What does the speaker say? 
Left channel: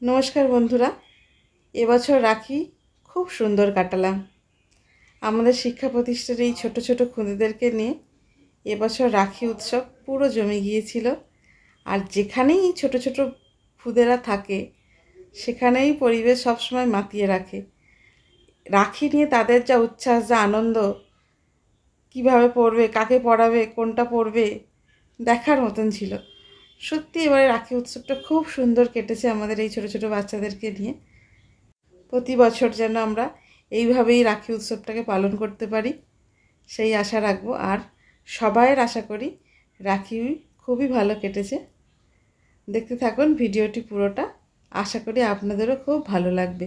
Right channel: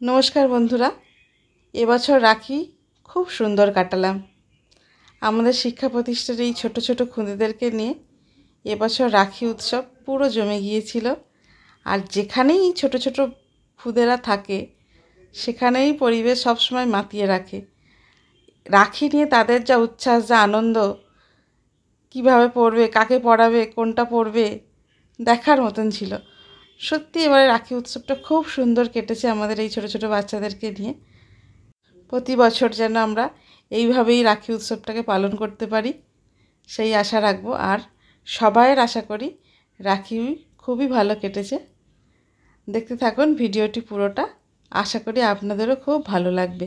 নমস্কার বন্ধুরা, এবছর রাখি খুব সুন্দর কাটালাম। আমাদের শিক্ষা প্রতিষ্ঠানের এই ছোট ছোট খুদেদেরকে নিয়ে এবছর রাখি উৎসব পুরো জমে গিয়েছিল। আর যেখানেই ছোট ছোট খুদেরা থাকে সেখানেই পরিবেশ সবসময় মাতিয়ে রাখে। রাখি নিয়ে তাদের যা উচ্ছ্বাস, যা আনন্দ, কিভাবে পড়বে, কাকে পড়াবে, কোনটা পড়বে, দেখার মতন ছিল। সত্যি এবারে রাখি উৎসবটা খুব সুন্দর কেটেছে আমাদের এই ছোট ছোট বাচ্চাদেরকে নিয়ে। প্রতি বছর যেন আমরা এইভাবেই রাখি উৎসবটাকে পালন করতে পারি সেই আশা রাখবো। আর সবাইয়ের আশা করি রাখি খুবই ভালো কেটেছে। দেখতে থাকুন ভিডিওটি পুরোটা, আশা করি আপনাদেরও খুব ভালো লাগবে।